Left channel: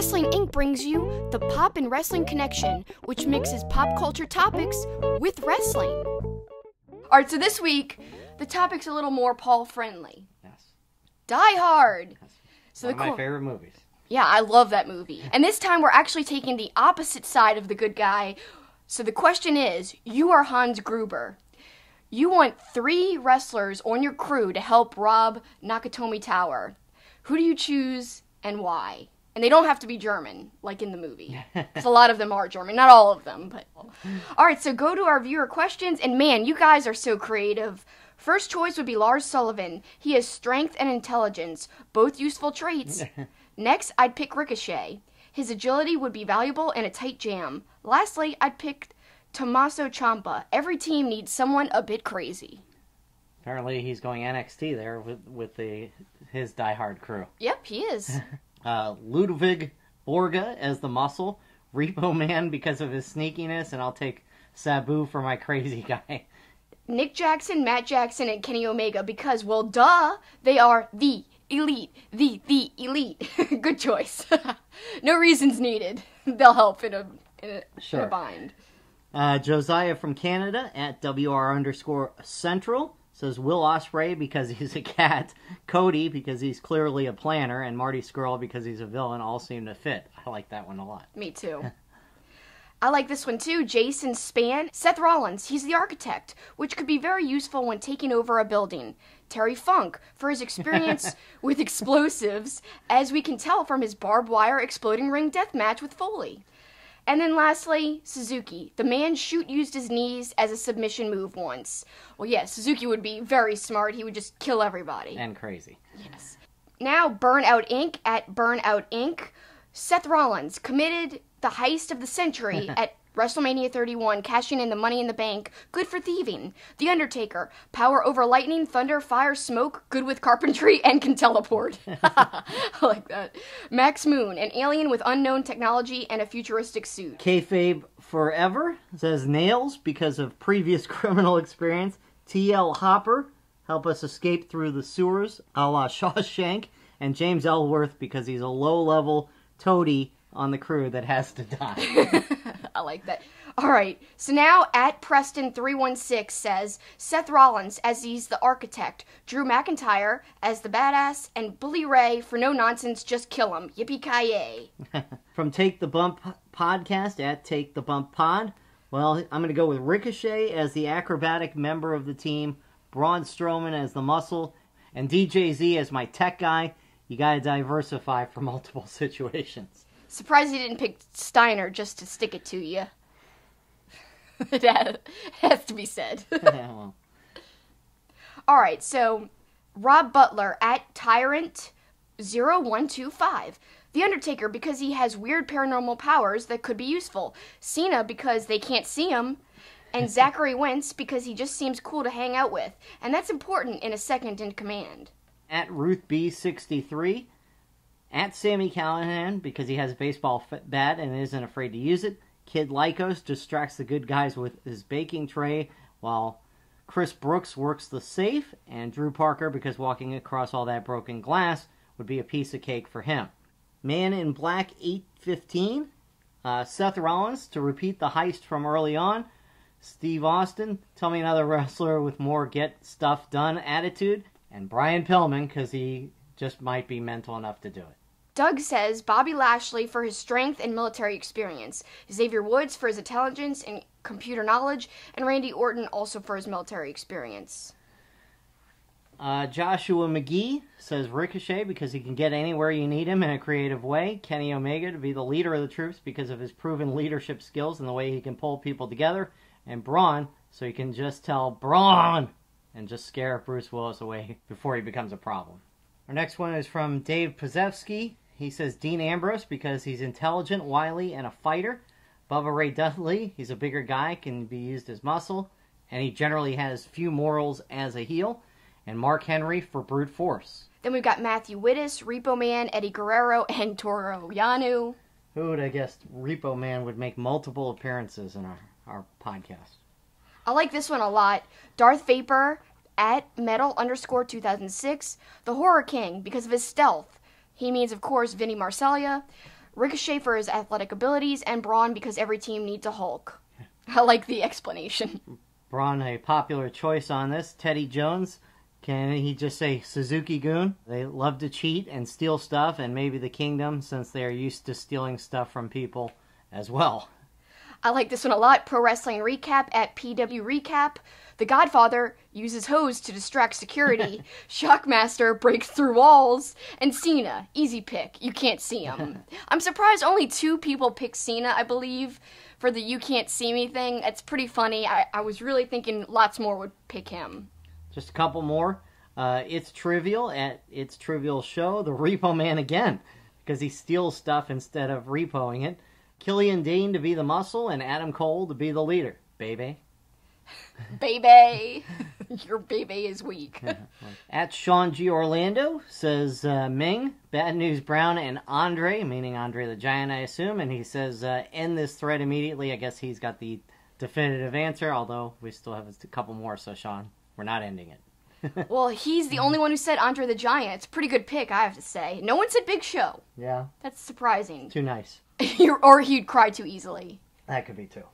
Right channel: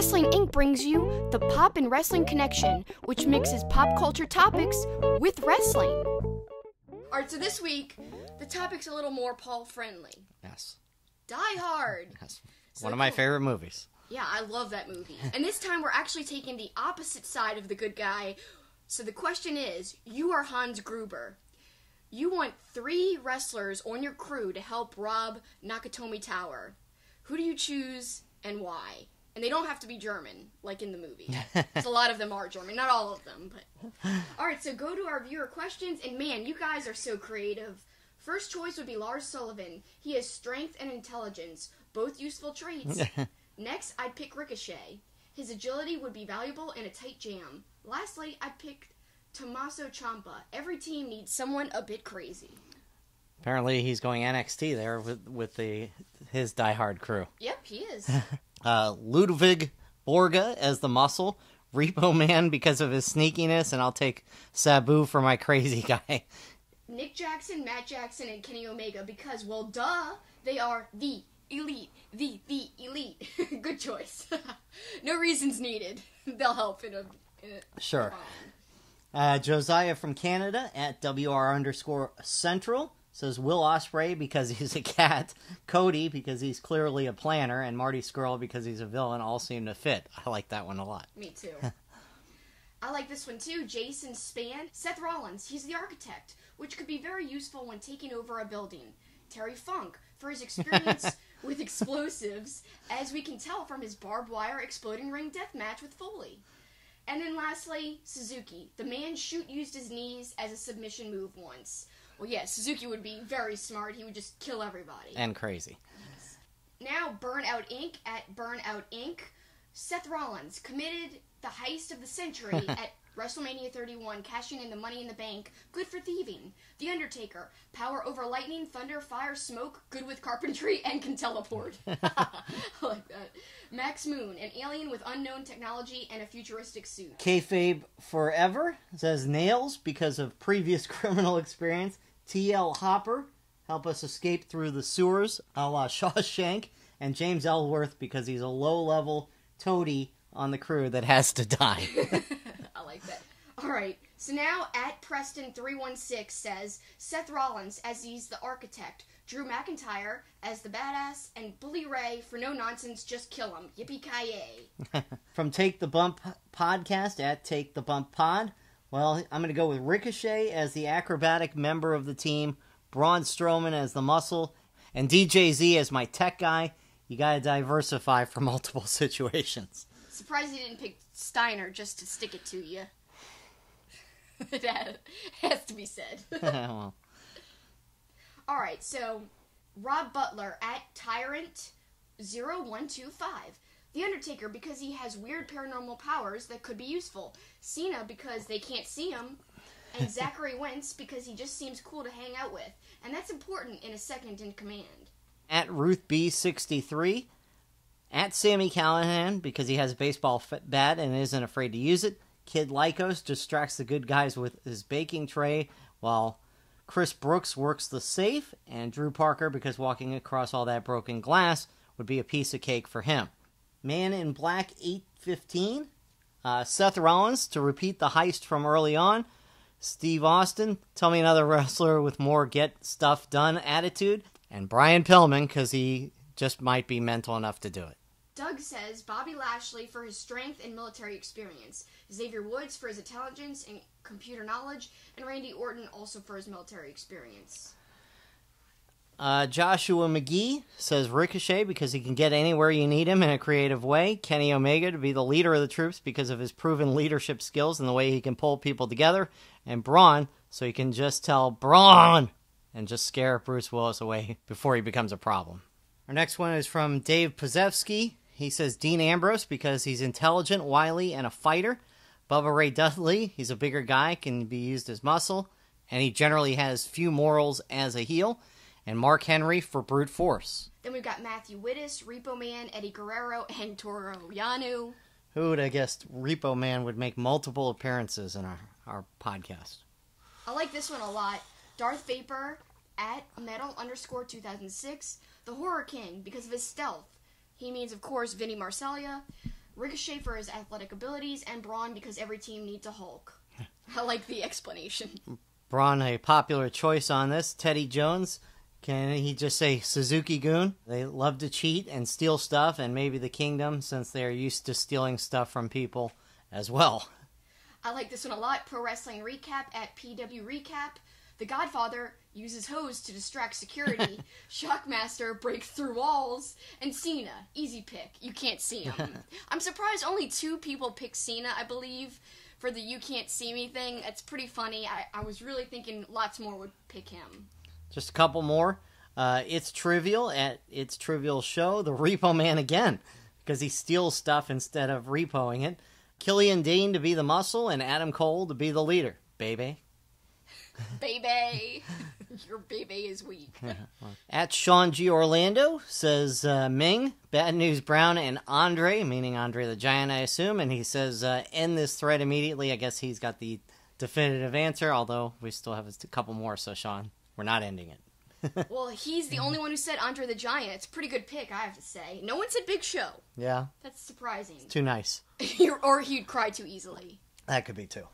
Wrestling Inc. brings you the Pop and Wrestling Connection, which mixes pop culture topics with wrestling. Alright, so this week, the topic's a little more Paul-friendly. Yes. Die Hard. Yes. So One of my favorite movies. Yeah, I love that movie. And this time we're actually taking the opposite side of the good guy. So the question is, you are Hans Gruber. You want 3 wrestlers on your crew to help rob Nakatomi Tower. Who do you choose and why? And they don't have to be German, like in the movie. Because a lot of them are German. Not all of them, but... Alright, so go to our viewer questions. And man, you guys are so creative. First choice would be Lars Sullivan. He has strength and intelligence, both useful traits. Next, I'd pick Ricochet. His agility would be valuable in a tight jam. Lastly, I'd pick Tommaso Ciampa. Every team needs someone a bit crazy. Apparently he's going NXT there with his Die Hard crew. Yep, he is. Ludwig Borga as the Muscle. Repo Man because of his sneakiness, and I'll take Sabu for my crazy guy. Nick Jackson, Matt Jackson, and Kenny Omega because, well, duh, they are the elite. The elite. Good choice. No reasons needed. They'll help in a bind. Josiah from Canada at WR_Central says Will Ospreay because he's a cat, Cody because he's clearly a planner, and Marty Scurll because he's a villain all seem to fit. I like that one a lot. Me too. I like this one too. Jason Spann. Seth Rollins, he's the architect, which could be very useful when taking over a building. Terry Funk, for his experience with explosives, as we can tell from his barbed wire exploding ring death match with Foley. And then lastly, Suzuki. The man used his knees as a submission move once. Well, yeah, Suzuki would be very smart. He would just kill everybody. And crazy. Yes. Now, Burnout Inc. at Burnout Inc. Seth Rollins committed the heist of the century at WrestleMania 31, cashing in the Money in the Bank, good for thieving. The Undertaker, power over lightning, thunder, fire, smoke, good with carpentry, and can teleport. I like that. Max Moon, an alien with unknown technology and a futuristic suit. Kayfabe Forever says Nails because of previous criminal experience. T.L. Hopper, help us escape through the sewers, a la Shawshank. And James Ellsworth because he's a low-level toady on the crew that has to die. I like that. Alright, so now at Preston316 says Seth Rollins as he's the architect, Drew McIntyre as the badass, and Bully Ray for no nonsense, just kill him. Yippee-ki-yay. From Take the Bump podcast at Take the Bump Pod, well, I'm going to go with Ricochet as the acrobatic member of the team, Braun Strowman as the muscle, and DJZ as my tech guy. You got to diversify for multiple situations. Surprised you didn't pick Steiner just to stick it to you. That has to be said. Well. Alright, so Rob Butler at Tyrant0125. The Undertaker because he has weird paranormal powers that could be useful. Cena because they can't see him. And Zachary Wentz because he just seems cool to hang out with. And that's important in a second in command. At Ruth B63. At Sammy Callahan, because he has a baseball bat and isn't afraid to use it. Kid Lycos distracts the good guys with his baking tray, while Chris Brooks works the safe, and Drew Parker, because walking across all that broken glass would be a piece of cake for him. Man in Black 815. Seth Rollins, to repeat the heist from early on. Steve Austin, tell me another wrestler with more get stuff done attitude. And Brian Pillman, because he just might be mental enough to do it. Doug says Bobby Lashley for his strength and military experience, Xavier Woods for his intelligence and computer knowledge, and Randy Orton also for his military experience. Joshua McGee says Ricochet because he can get anywhere you need him in a creative way. Kenny Omega to be the leader of the troops because of his proven leadership skills and the way he can pull people together. And Braun so he can just tell Braun and just scare Bruce Willis away before he becomes a problem. Our next one is from Dave Pozevsky. He says Dean Ambrose because he's intelligent, wily, and a fighter. Bubba Ray Dudley, he's a bigger guy, can be used as muscle, and he generally has few morals as a heel. And Mark Henry for brute force. Then we've got Matthew Wittes, Repo Man, Eddie Guerrero, and Toru Yano. Who would have guessed Repo Man would make multiple appearances in our podcast? I like this one a lot. Darth Vapor at Metal_2006. The Horror King because of his stealth. He means, of course, Vinny Marseglia. Ricochet for his athletic abilities, and Braun because every team needs a Hulk. I like the explanation. Braun, a popular choice on this. Teddy Jones, can he just say Suzuki-gun? They love to cheat and steal stuff, and maybe the Kingdom, since they're used to stealing stuff from people as well. I like this one a lot. Pro Wrestling Recap at PW Recap. The Godfather uses hose to distract security. Shockmaster breaks through walls. And Cena, easy pick. You can't see him. I'm surprised only 2 people picked Cena, I believe, for the you can't see me thing. It's pretty funny. I was really thinking lots more would pick him. Just a couple more. It's Trivial at It's Trivial Show. The Repo Man again, because he steals stuff instead of repoing it. Killian Dane to be the muscle, and Adam Cole to be the leader. Baby. Baby. Your baby is weak. At Sean G. Orlando says Ming, Bad News Brown, and Andre, meaning Andre the Giant, I assume. And he says, end this thread immediately. I guess he's got the definitive answer, although we still have a couple more, so Sean, we're not ending it. Well, he's the only one who said Andre the Giant. It's a pretty good pick, I have to say. No one said Big Show. Yeah. That's surprising. Too nice. Or he'd cry too easily. That could be too.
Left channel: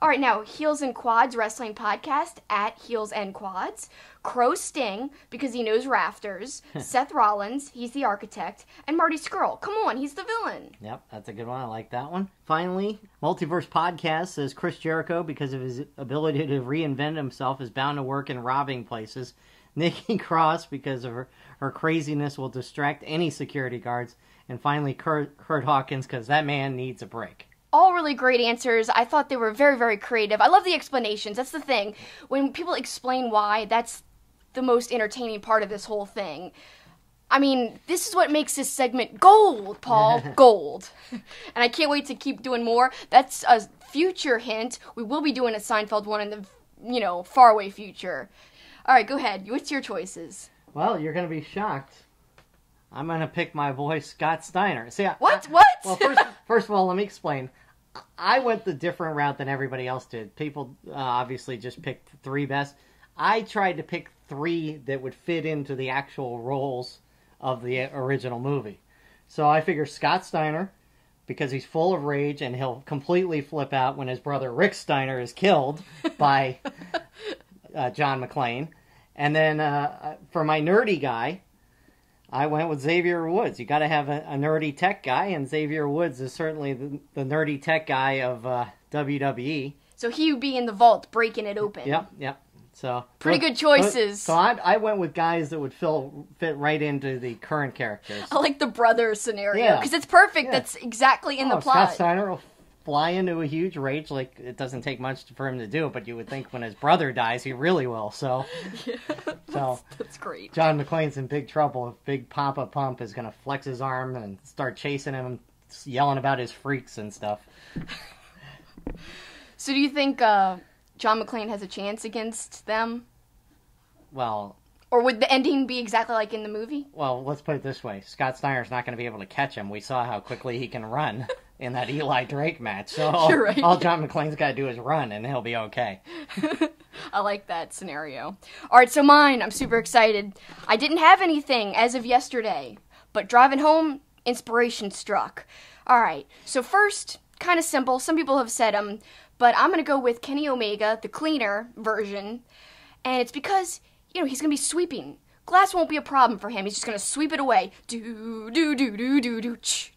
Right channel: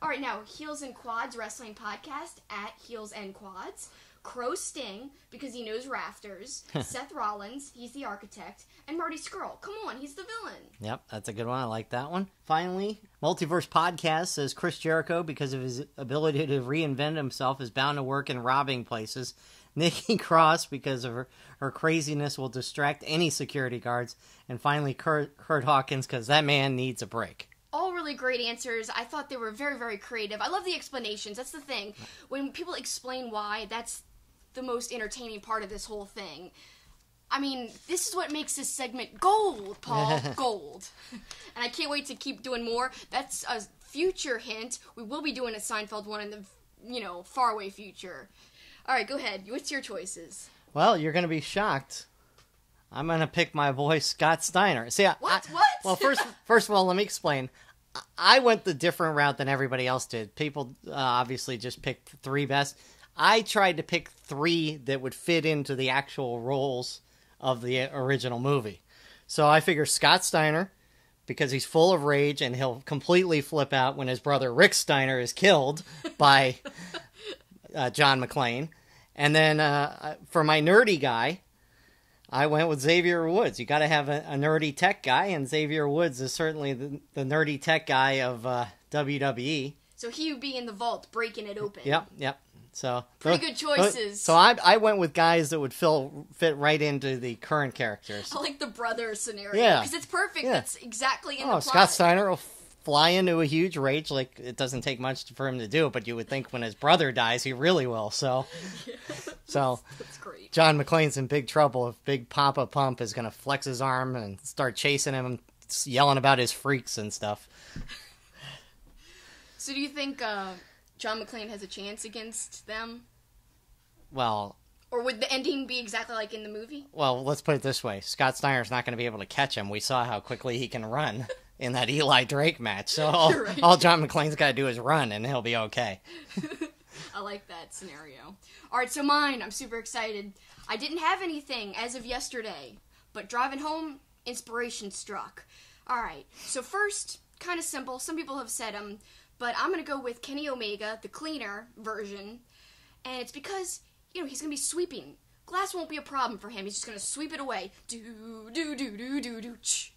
All right, now, Heels and Quads Wrestling Podcast at Heels and Quads. Crow Sting, because he knows rafters. Seth Rollins, he's the architect. And Marty Scurll, come on, he's the villain. Yep, that's a good one. I like that one. Finally, Multiverse Podcast says Chris Jericho, because of his ability to reinvent himself, is bound to work in robbing places. Nikki Cross, because of her craziness, will distract any security guards. And finally, Kurt Hawkins, because that man needs a break. All really great answers. I thought they were very, very creative. I love the explanations. That's the thing. When people explain why, that's the most entertaining part of this whole thing. I mean, this is what makes this segment gold, Paul. Gold. And I can't wait to keep doing more. That's a future hint. We will be doing a Seinfeld one in the, faraway future. All right, go ahead. What's your choices? Well, you're going to be shocked. I'm going to pick my boy, Scott Steiner. See, What? Well, first of all, let me explain. I went the different route than everybody else did. People obviously just picked 3 best. I tried to pick 3 that would fit into the actual roles of the original movie. So I figure Scott Steiner, because he's full of rage and he'll completely flip out when his brother Rick Steiner is killed by John McClane. And then for my nerdy guy, I went with Xavier Woods. You got to have a nerdy tech guy, and Xavier Woods is certainly the nerdy tech guy of WWE. So he would be in the vault breaking it open. Yep. So pretty good choices. So I went with guys that would fit right into the current characters. I like the brother scenario because it's perfect. Yeah. That's exactly in the plot. Scott Steiner will fly into a huge rage. Like, it doesn't take much for him to do, but you would think when his brother dies, he really will. So, that's great. John McClane's in big trouble if Big Papa Pump is going to flex his arm and start chasing him, yelling about his freaks and stuff. So do you think John McClane has a chance against them? Well... Or would the ending be exactly like in the movie? Well, let's put it this way. Scott Steiner's not going to be able to catch him. We saw how quickly he can run in that Eli Drake match. So all John McClane's got to do is run, and he'll be okay. I like that scenario. All right, so mine. I'm super excited. I didn't have anything as of yesterday, but driving home, inspiration struck. All right, so first, kind of simple. Some people have said them, but I'm going to go with Kenny Omega, the cleaner version, and it's because... he's going to be sweeping. Glass won't be a problem for him. He's just going to sweep it away. Do, ch.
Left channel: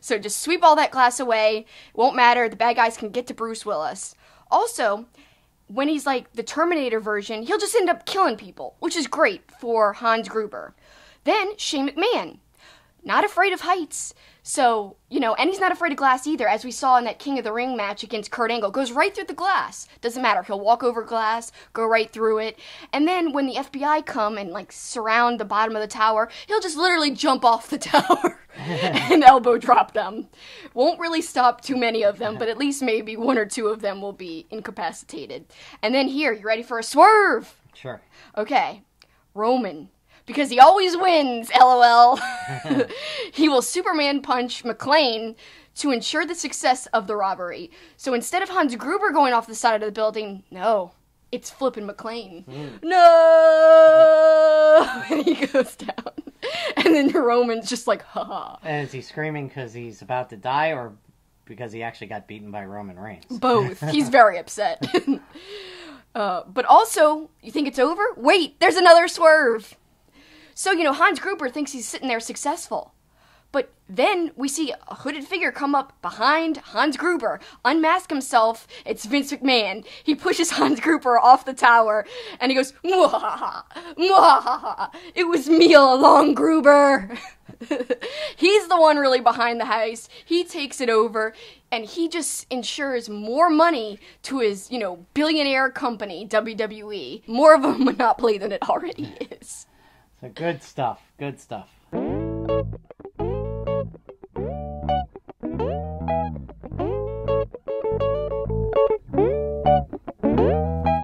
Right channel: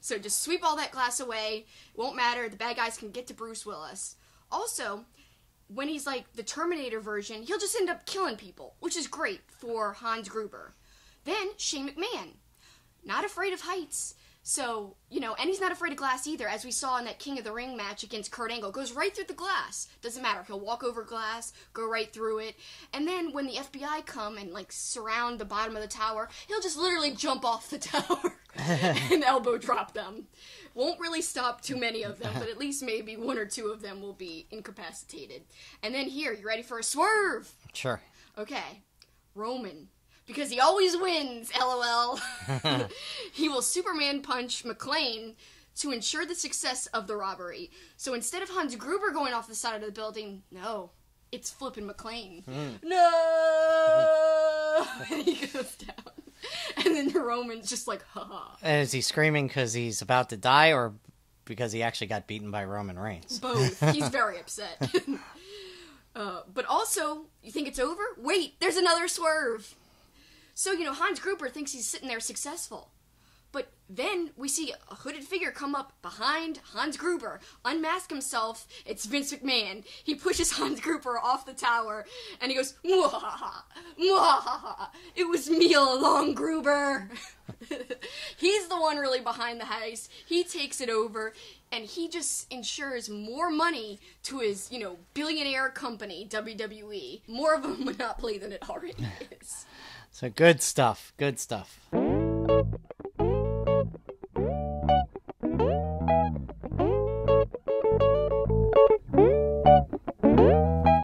So just sweep all that glass away. It won't matter. The bad guys can get to Bruce Willis. Also, when he's like the Terminator version, he'll just end up killing people, which is great for Hans Gruber. Then, Shane McMahon. Not afraid of heights. So, and he's not afraid of glass either, as we saw in that King of the Ring match against Kurt Angle. Goes right through the glass. Doesn't matter. He'll walk over glass, go right through it. And then when the FBI come and, surround the bottom of the tower, he'll just literally jump off the tower and elbow drop them. Won't really stop too many of them, but at least maybe 1 or 2 of them will be incapacitated. And then here, you ready for a swerve? Sure. Okay. Roman. Because he always wins, LOL. He will Superman punch McClane to ensure the success of the robbery. So instead of Hans Gruber going off the side of the building, no, it's flipping McClane. No! And he goes down. And then Roman's just like, haha. And is he screaming because he's about to die or because he actually got beaten by Roman Reigns? Both. He's very upset. But also, you think it's over? Wait, there's another swerve. So, Hans Gruber thinks he's sitting there successful. But then we see a hooded figure come up behind Hans Gruber, unmask himself. It's Vince McMahon. He pushes Hans Gruber off the tower, and he goes, "Mwahaha, mwahaha, it was me all along, Gruber." He's the one really behind the heist. He takes it over, and he just ensures more money to his, billionaire company, WWE. More of a monopoly than it already is. So good stuff. Good stuff.